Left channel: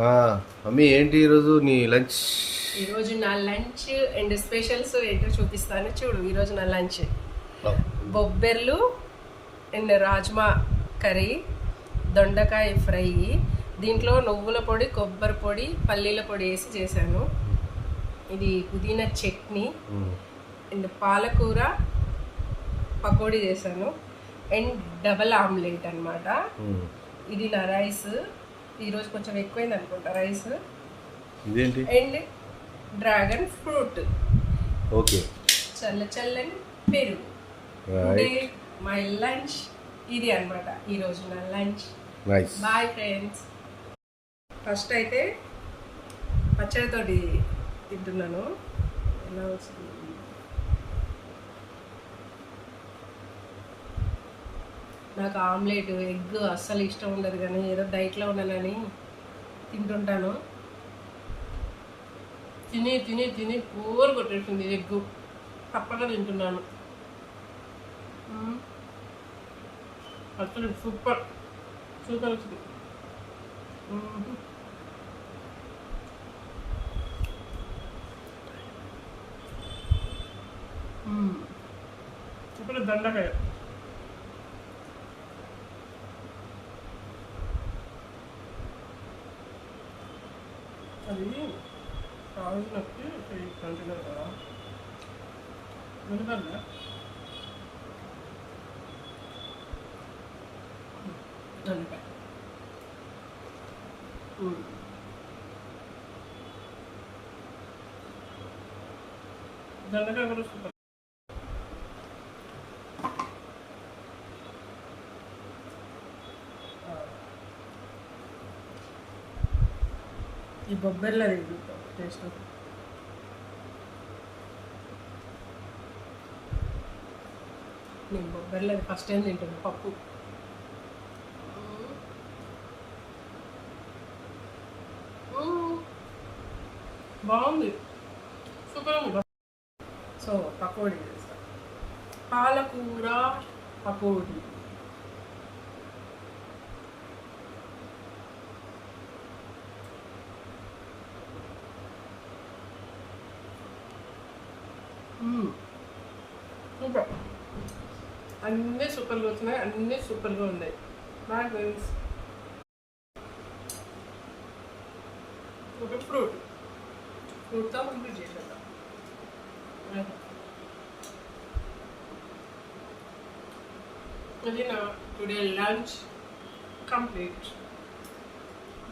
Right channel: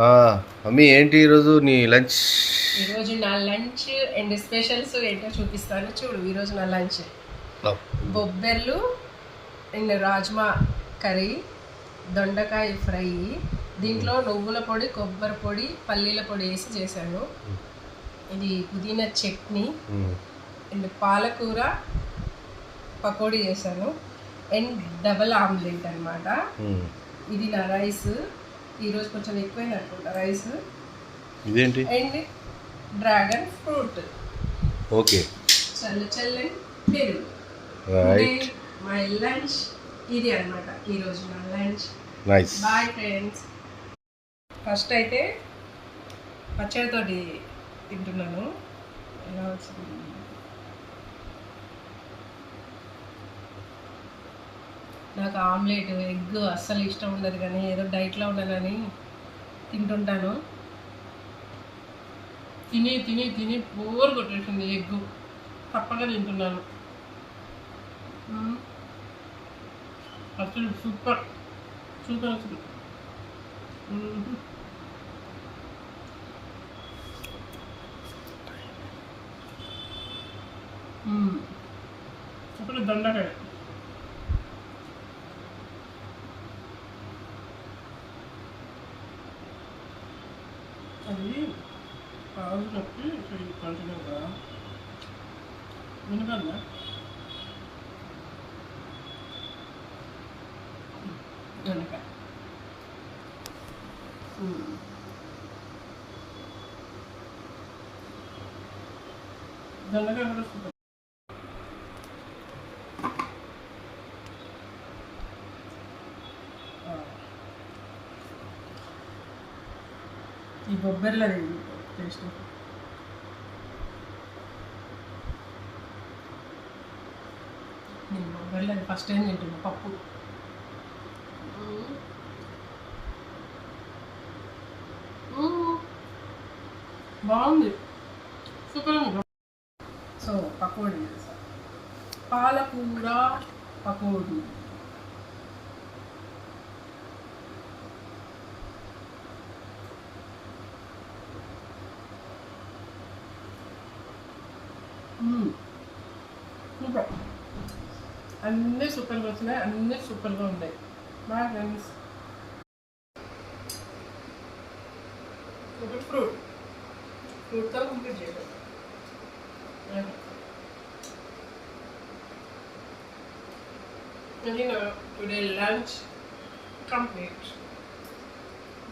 Mummy ఏంటి ఈరోజు నీ లంచ్? ఈరోజు నా లంచ్ అండ్ స్పెషల్స్ ఏంటో చూపిస్తాను చూడు. ఈరోజు నా లంచ్ బొబ్బెర్లు అండ్ రాజ్మా కర్రీ, దొండకాయ ఫ్రై, దీంట్లో నువ్వుల పొడి, కొబ్బరి పొడి, పల్లీల పొడి వేసి చేశాను. ఇది పుదీనా చట్నీ అండ్ పాలకూర పకోడీ చేశాను అండ్ డబల్ ఆమ్లెట్ అనమాట. ఇది నా రైస్. ఈరోజు కొంచెం ఎక్కువైంది అనుకుంటా రైస్. ఇదేంటి? And dragon fruit. ఓకే, చల్లని పెరుగు. మై లంచ్ ఇది అనమాట ఈరోజు నా lunch. Nice. Bye friends. First అయితే పచ్చడితోటి తింటున్నాను. ఎలా వచ్చింది? నాకు ఆమ్లెట్, ఎగ్ అస్సలు ఇష్టం ఉండదు, కానీ ఏదో డైట్లో ఉన్నానని తింటుంటాను. తిని తిని తిని బోర్ కొట్టేసింది ఎగ్. తప్పగా తింటున్నాను. అసలు సూపర్ సూపర్ అసలు. అప్పుడు దండకాయ. అది కాజులకి కంటిన్యూ కదా ఎందుకన్నా దొండకాయ. దొండకాయ కూడా సూపర్. ఈ బొబ్బర్లది టేస్ట్. నేను బొబ్బర్లది ఫస్ట్ టైం తింటున్నా. పప్పు బాగుంది, సూపర్ ఉంది. సో పకోడీ చేశాను, పాలకూర పకోడీ. సూపర్. అన్నీ సూపర్గా వచ్చినాయి, అన్నీ సూపర్గా ఉన్నాయి. Bye friends. ఒకటి ఫ్రూట్తో కంప్లీట్ చేసేద్దాం. అది నా టుడే లంచ్ కంప్లీట్.